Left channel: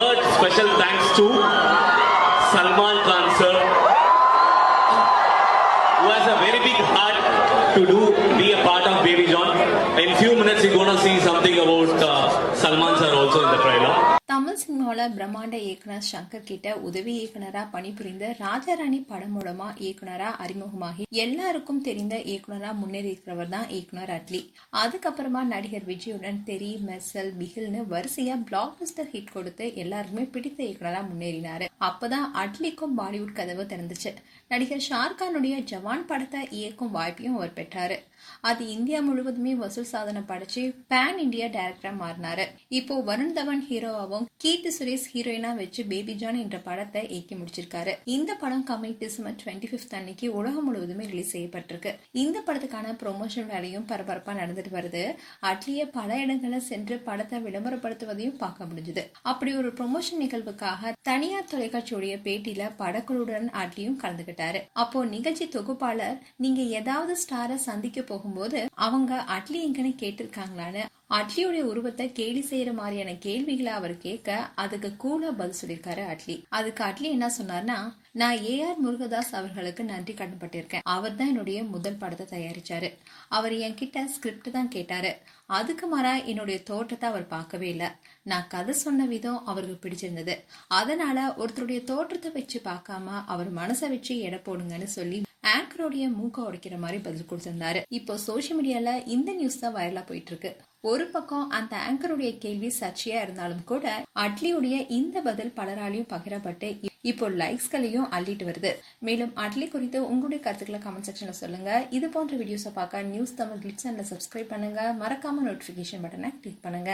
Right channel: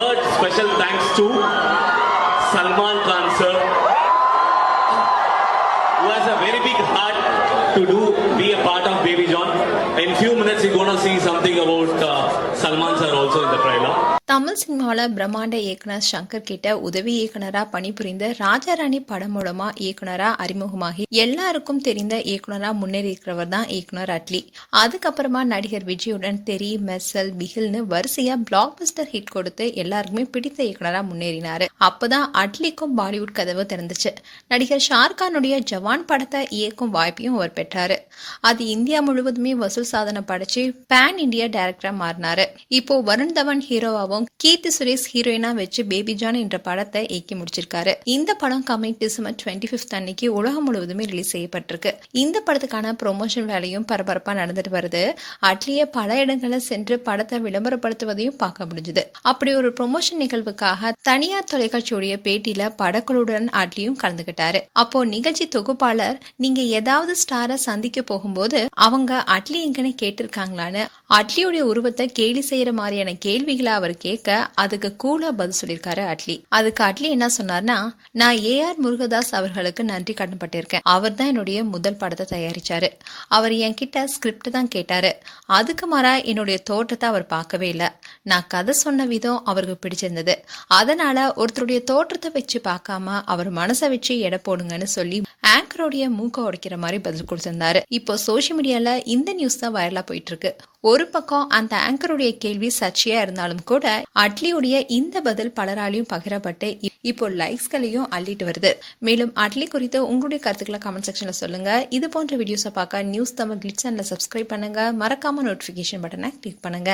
Third special thanks to Salman Khan sir, who has a very big heart to be a part of Baby John. In few minutes, you're going to see something about Salman sir also in the trailer. Tamil சினிமாவில் பிரம்மாண்ட இயக்குனர் சங்கர் கிட்ட உதவி இயக்குனரா பணிபுரிந்த ராஜாராணி படம் மூலமா இயக்குனரா அறிமுகமாகி எல்லாருக்கும் தெரிந்த இயக்குனரா முன்னேறி இருக்கிறவர் தான் இயக்குனர் அட்லி. அதுக்கப்புறமா நடிகர் விஜயுடன் தெரி, மெர்சல், பிகில்னு வரிசையா பிளாக் பஸ்டர் ஹிட் கொடுத்து எல்லாருக்குமே பிடித்த இயக்குனரா முன்னேறினாரு. அப்பதான் அட்லிக்கும் பாலிவுட் கதவு திறந்துச்சு. நடிகர் ஷாருக்கானுடைய ஜவான் படத்தை இயக்கும் வாய்ப்பையும் அவர் பெற்றாரு. அது இந்தியா முழுவதுமே வசூல் சாதனை படைச்சு பேன் இந்தியா டைரக்டரா மாறினாரு. இப்போ வருண் தவன் ஹீரோவாவும் கீர்த்தி சுரேஷ் ஹீரோயினா வச்சு பேபி ஜான் என்ற படத்தை இயக்கி முடிச்சிருக்காரு. இந்த படம் கமிங் டிசம்பர் 25 அன்னைக்கு உலகம் முழுவதுமே ரிலீஸ் செய்யப்பட்டிருக்கு. இந்த படத்துக்கான ப்ரொமோஷன் வேலையும் பரபரப்பா நடந்துட்டு வருது. அட்லியே பல இடங்களில் சென்று படத்தை விளம்பரப்படுத்துவதையும் பார்க்க முடிஞ்சது. அப்படி ஒரு ப்ரொமோஷன் நிகழ்வுக்காக தனியார் தொலைக்காட்சியுடைய பேட்டியில படக்குழுடன் அட்லியும் கலந்துகிட்டாரு. அப்போ நிகழ்ச்சி தொகுப்பாளர், நீங்க ஏதாவது ஸ்டாரை சந்திக்க போகும்போது அவங்க அட்லி எங்கன்னு கேட்டிருக்காங்களான்னு அட்லியுடைய உருவத்தை கேலி செய்யற மாதிரியான கேள்விகளை அவர் கேட்க அதுக்கு கூலா பதில் சொல்லியிருக்காரு அட்லி. அதுக்கு அட்லி என்ன சொன்னார்னா, நான் ஏஆர் முருகதாஸ் அவர்களுக்கு நன்றி கடன்பட்டிருக்கேன். அவர் தான் என்னுடைய முதல் படத்தை தயாரிச்சாரு. அவர் என்கிட்ட ஸ்கிரிப்ட் தான் கேட்டாரு. அதுக்கு மாறா என்னுடைய தோற்றத்தை அவர் பார்க்கவே இல்லை. நான் கதை சொன்ன விதம் அவருக்கு பிடிச்சிருந்தது. அதனால ஒருத்தருடைய தோற்றத்தை வச்சு பார்க்காம அவர் மனசை வச்சு எடை போடுங்கன்னு சொல்லி ஆங்கரோடைய மூக்க உடைக்கிற மாதிரி பதில் கொடுத்திருந்தாரு. இப்போ சோசியல் மீடியால இந்த நியூஸ் தான் வைரலா போயிட்டு இருக்கு. ஒரு பக்கம் அந்த ஆங்கருடைய கேள்வி சர்ச்சையா இருந்தாலும் கூட அட்லியுடைய இந்த பதில் பலராலையும் பகிரப்பட்டு இப்போ லைக்ஸ்களையும் அள்ளிட்டு வருது. மேலும் அட்லி குறித்து உங்களுடைய கருத்துக்களை கமெண்ட் செக்ஷன்ல சொல்லுங்க. இது போன்ற வீடியோஸை பார்க்க நியூஸ் தமிழ் கிளிட்ஸ் சேனலை சப்ஸ்கிரைப் பண்ணுங்க. மறக்காம நோட்டிபிகேஷன் பட்டனை கிளிக் பண்ணுங்க.